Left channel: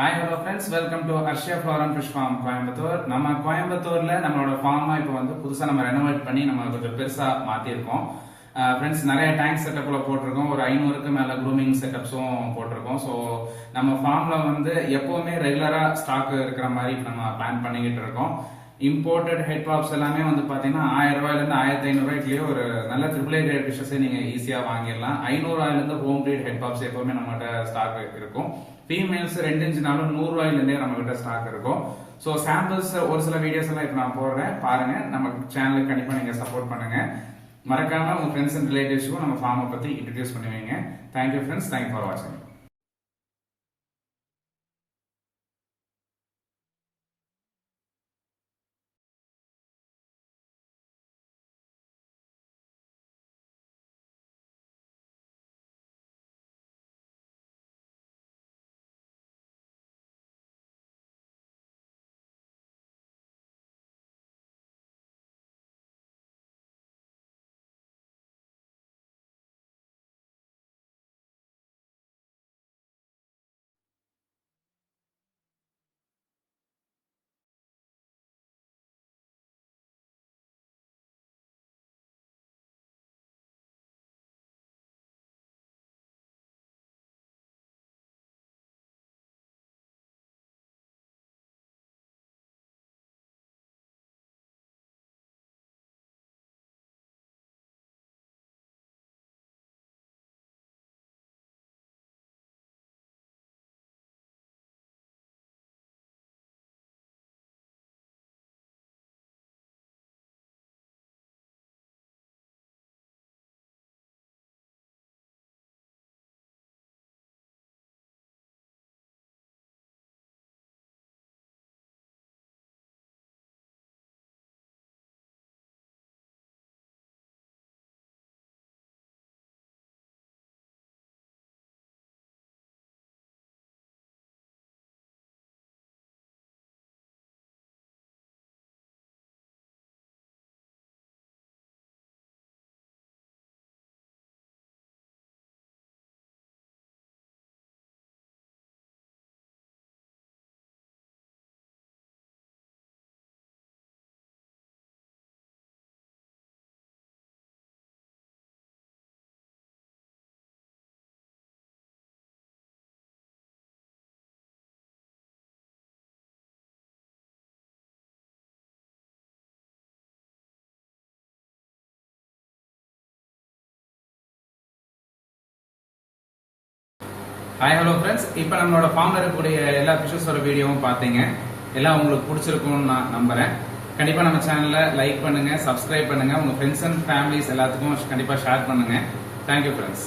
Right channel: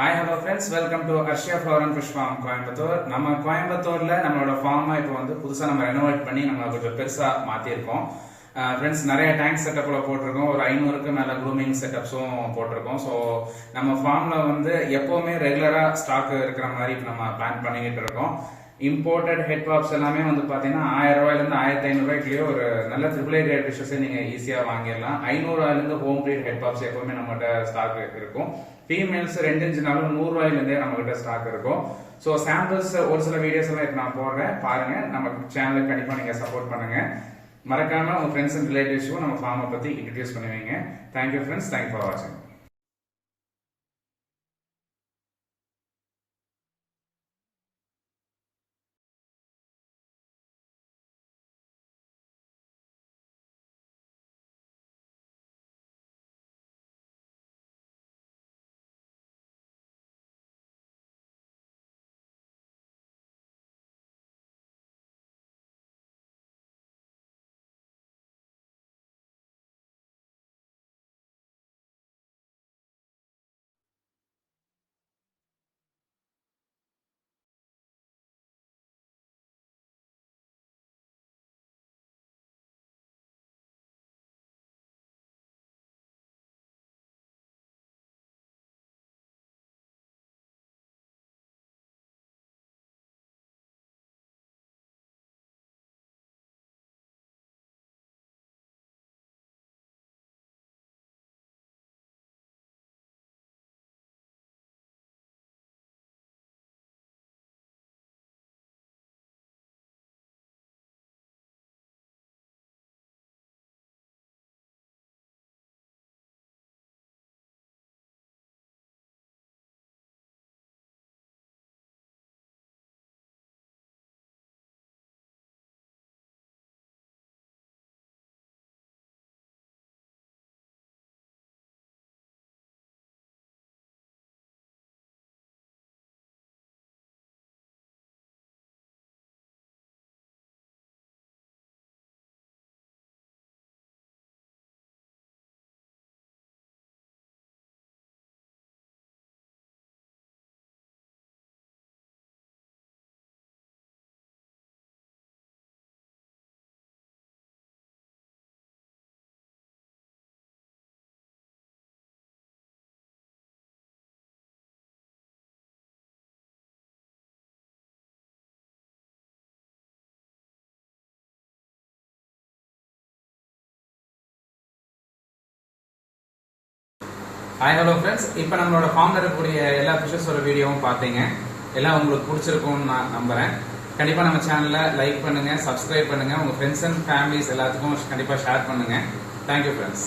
Hi, hello friends. Welcome to Arshia Flower and Fish Farm, Coimbatore. நம்ம கோயம்புத்தூர்ல நம்மளோட ஃபார்மை இப்போ வந்து புதுசா நம்ம ரெனோவேட் பண்ணி நம்ம கொஞ்சம் பெருசா மாத்திருக்கோம். ஃப்ரெண்ட்ஸ் நிறைய டேங்க் செட்டப்ல போட்டிருக்கோம். ஒரு 500க்கு மேல க்ரூமிங் செட்டப்ஸும் போட்டிருக்கோம். ஸோ நம்ம ஃபார்ம்ல வந்து எப்பவுமே ரெகுலரா ஸ்டாக் இருக்கிற மாதிரி நம்ம பிளான் பண்ணிக்கிட்டு இருக்கோம். இம்போர்ட்டட் ஹெட் பாப்ஸ் எல்லாமே வந்து பாத்தீங்கன்னா 1000 ரூபாயிலிருந்து 1500 ரூபாய்க்குள்ளேயே ஒரு நல்ல ட்ரிபிள் ரேட் ஃபிஷஸ் நீங்க ஈஸியா வாங்கிடலாம். 500 ரூபாயிலிருந்து ஹோம் ப்ரீட் ஹெட் பாப்ஸ் எப்பவுமே நம்மகிட்ட ஸ்டாக் இருக்கும். ஃபீமேல்ஸ் 2 இன்ச்சுனாலும் 100 ரூபாயிலிருந்தே நம்ம கிட்ட ஸ்டாக் இருக்கும். ஸோ சாம்பிள்ஸ் ஒரு சில வீடியோஸ் எல்லாம் இப்போ நான் போடுறேன், பாருங்க. நம்ம சேனலுக்கு கண்டிப்பா நீங்க சப்போர்ட் பண்ணுங்க. மறக்காம உங்க ஃப்ரெண்ட்ஸ் அண்ட் ரிலேட்டிவ்ஸ்க்கும் நம்ம ஃபார்மை பத்தி இன்ட்ரடியூஸ் பண்ணுவீங்க. தேங்க்யூ ஃப்ரெண்ட்ஸ், தேங்க்யூ ஃபார் வாட்சிங். ஹாய் ஹலோ ஃப்ரெண்ட்ஸ், இப்போ நம்மளோட ஃபார்ம்ல இருக்கக்கூடிய எல்லா ஃபிஷஸோட வீடியோவும் பார்த்தீங்க. எல்லாம் உங்களுக்கு பிடிச்சிருக்கும்னு நான் நம்புறேன். கண்டிப்பா நம்ம சேனலை லைக் பண்ணுங்க, சப்ஸ்கிரைப் பண்ணுங்க, உங்க ஃப்ரெண்ட்ஸ் அண்ட் ஃபேமிலிஸ் எல்லாத்துக்கும் கண்டிப்பா ஷேர் பண்ணுங்க. Thank you friends.